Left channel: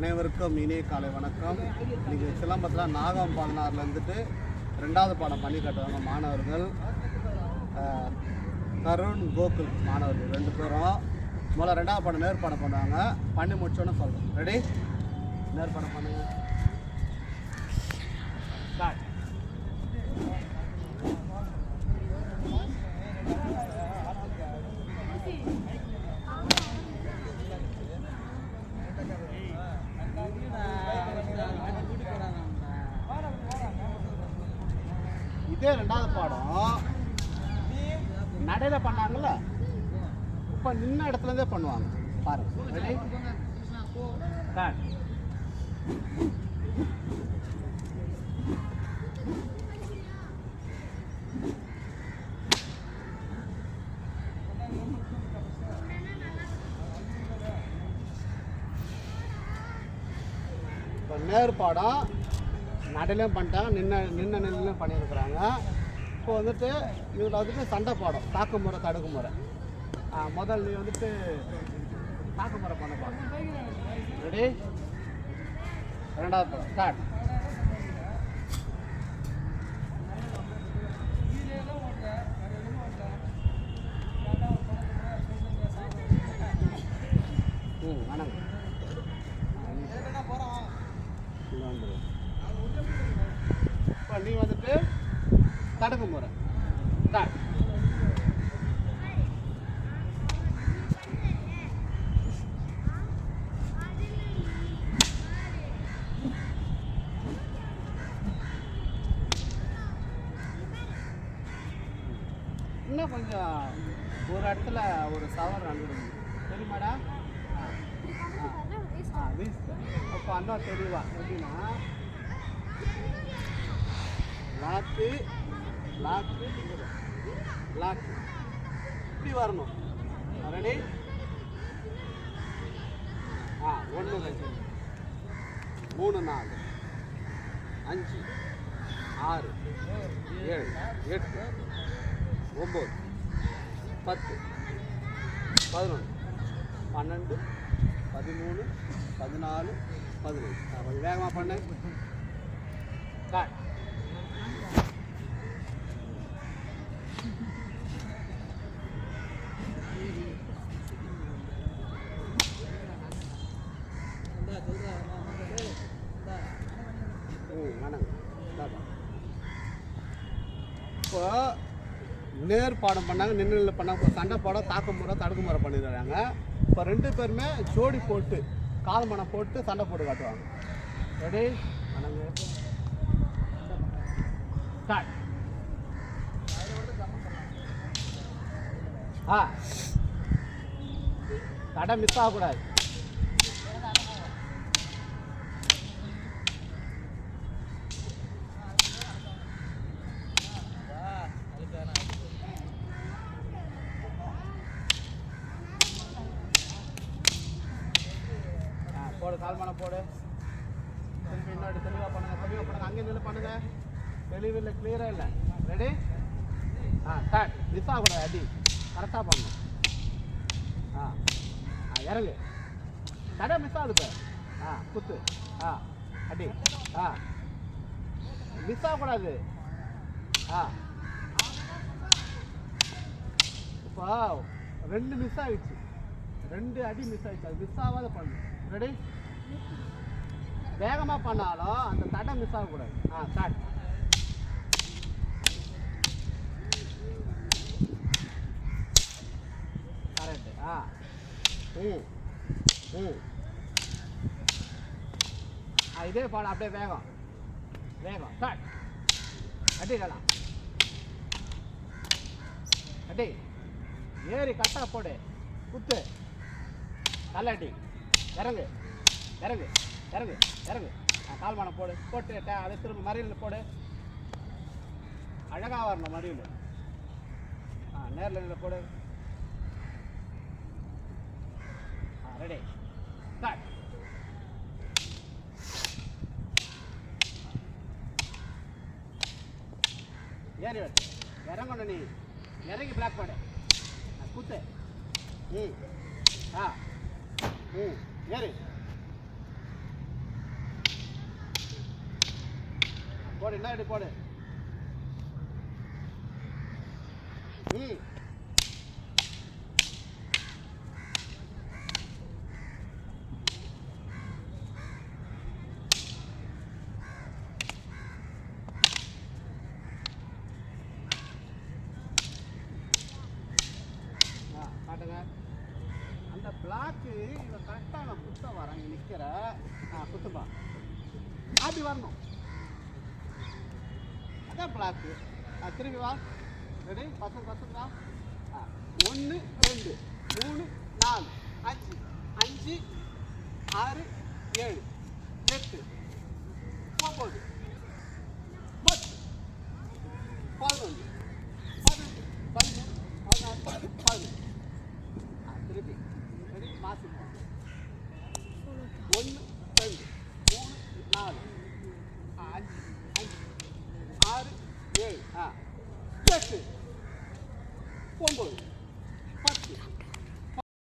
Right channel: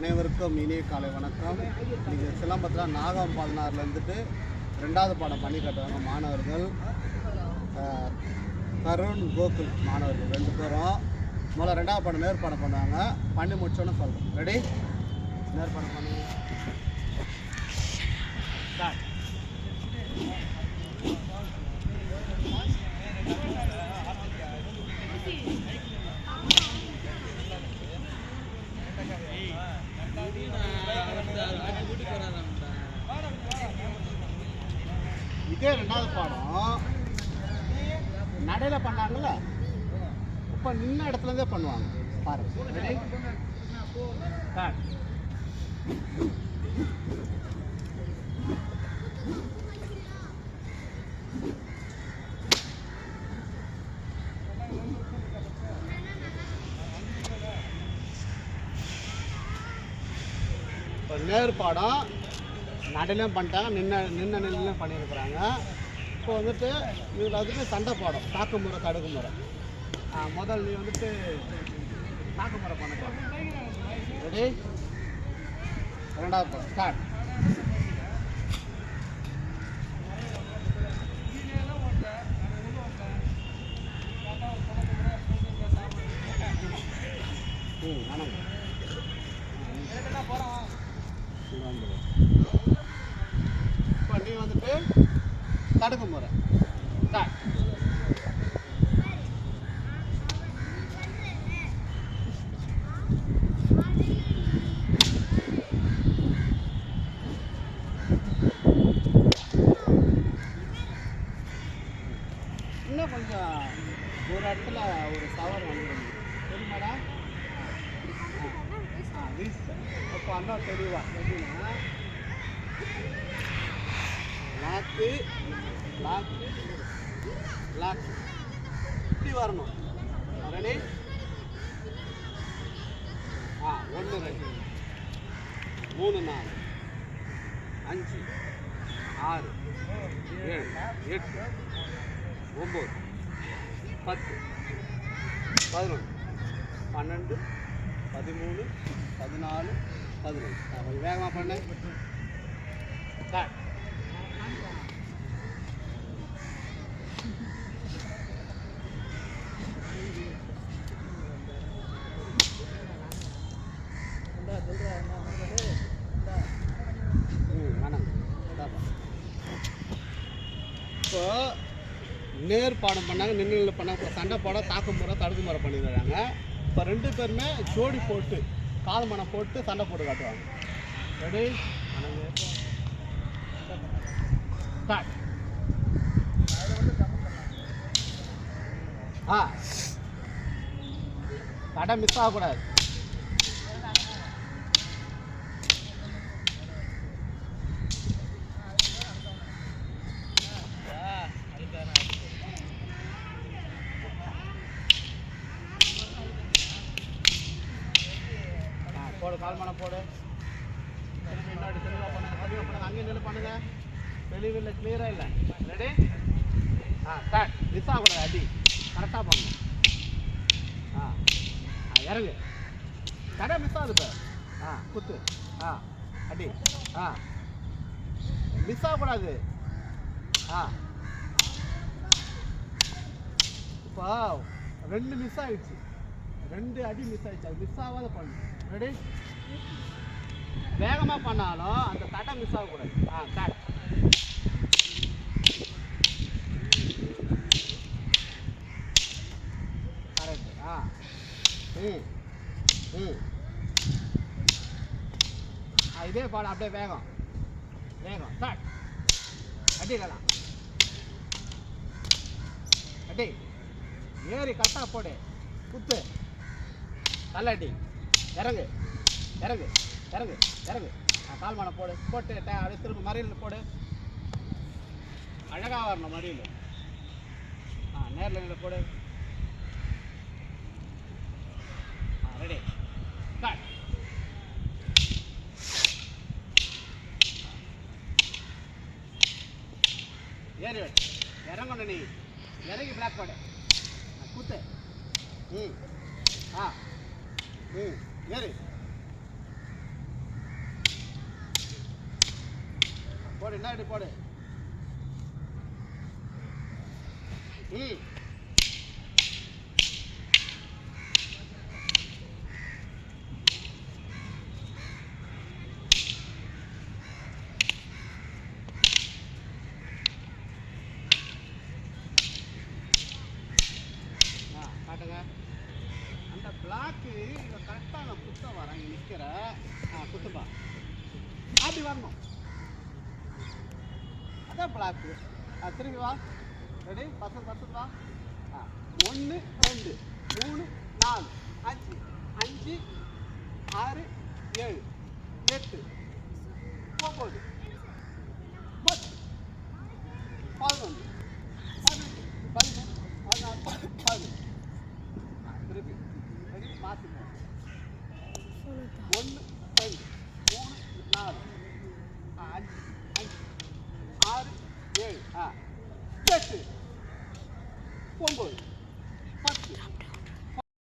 அனைவருக்கும் இனிய காலை வணக்கம். இன்றைக்கி சிலம்பத்தில் நாகம் 16லேருந்துட்டு 2வது பாடம் பண்ணி கட்டுவாங்க மாணவர்கள். தருண் கோகுல் மாணவர்கள் 2 பேரும். முதல்ல 2வது பாடம் நேர்பாடம் பண்ணுவாங்க. பண்ணி முடிச்சோன்னு சொல்கிறோம். ரெடி? நேர்பாடம் பண்ணுங்க. ஸ்டார்ட். இதே 2வது பாடம் நடையில் பண்ணாங்கல்ல, இப்போ நின்ன இடத்துலேருந்தே பண்ணுவாங்க. பாருங்க. ரெடி? ஸ்டார்ட். இப்போ நேர்பாடம் நடையிலையும் பண்ணிட்டாங்க, நின்ன பண்ணியிருக்கிறாங்க. இப்போ வந்துட்டு இதில் வந்துட்டு சண்டை பாடம், தாக்கு முறை தடுக்கு முறை. முதல் நீ வந்துட்டு தாக்கு முறை பண்ணப்பா. ரெடி? 2வது ஸ்டார்ட். வணக்கம். இப்போ நீ வந்துட்டு தடுக்கு முறை. ஸ்டார்ட். இன்னும் கொஞ்சம் ஒரு இடத்துல ஒரு சவர் நடந்துடும், தெரியுமாடா? அப்போ அந்த தெளிவா எப்படின்னா லாக்கு லாக்கு லாக்கு இப்படி வரணும். ரெடி? 1 2 3 4 5 6 7 8 9 10 11 12 13 14 15. கொஞ்சம் வேகமாக பண்ணு. ஸ்டார்ட். இப்போ நேர்பாடம் பண்ணாங்க, நின்று பண்ணாங்க. இப்போ சண்டை பாடம், தாக்கு முறை தடுக்கு முறை பண்ணிடுறாங்க. இப்போ 2 பேருமே ஜோடி போட்டு கால் மனம் போட்டு சண்டை போட்டு காட்டுவாங்க. ரெடி? ஸ்டார்ட். கடை மிஸ் ஆகக்கூடாது. போடு, கால் மனை போடு. திருப்பி முன்னாடி தெளிவாக பண்ணுங்க. அங்கே நின்று பண்ணுங்க. தெளிவில்லை, கிளியராக இல்லை. ரெடி? ஸ்டார்ட். மிஸ் ஆகக்கூடாது. அடி கரெக்டாக பண்ணணும். இறங்கு. கடை மிஸ் ஆகுது. குத்து. அடி. மிஸ் ஆகக்கூடாது. இப்போ 2 மிஸ் ஆகிடுச்சு, 2 அடி மிஸ் ஆகிடுச்சு. அது மிஸ் ஆகாத பண்ணு. ரெடி? வேகமாக பண்ணாலும் அந்த தடை மிஸ் ஆகக்கூடாது. ஸ்டார்ட். கரெக்டு. இதே பாடம் அப்படியே வேகம் வேகம். ஸ்டார்ட். அடிக்கலாம். அடி. ஏறி கட்டா போடு. குத்து. நல்ல அடி. இறங்கு இறங்கு இறங்கு இறங்கு. கால்மான போடு. போட்டு அதை திரும்ப மறியல் போடு. அழகாக வரணும் மறியல். நேரில் இங்கே போடு. ரெடி? ஸ்டார்ட். ஏறி இறங்கணும். நீ இறங்கி பிளாக் போடு. குத்து. ஏறு. போடு என்ன இப்படி போடு நீ காட்டுங்க அந்த பிளாக்கு இங்கே கரெக்டாக நான் குத்த வரேன் இங்கே நிற்கிற குத்துப்பா அப்படி வரணும் அதான் பிளாக்கு திரும்பி வா ரெடி பசங்க வா 1 2 3 4 5 5 6 7 8 9 10 11 12 13 14 15 திருப்பி ரெடி மாற்றி போவோம் 1 2 3 4 5 6 7 8 9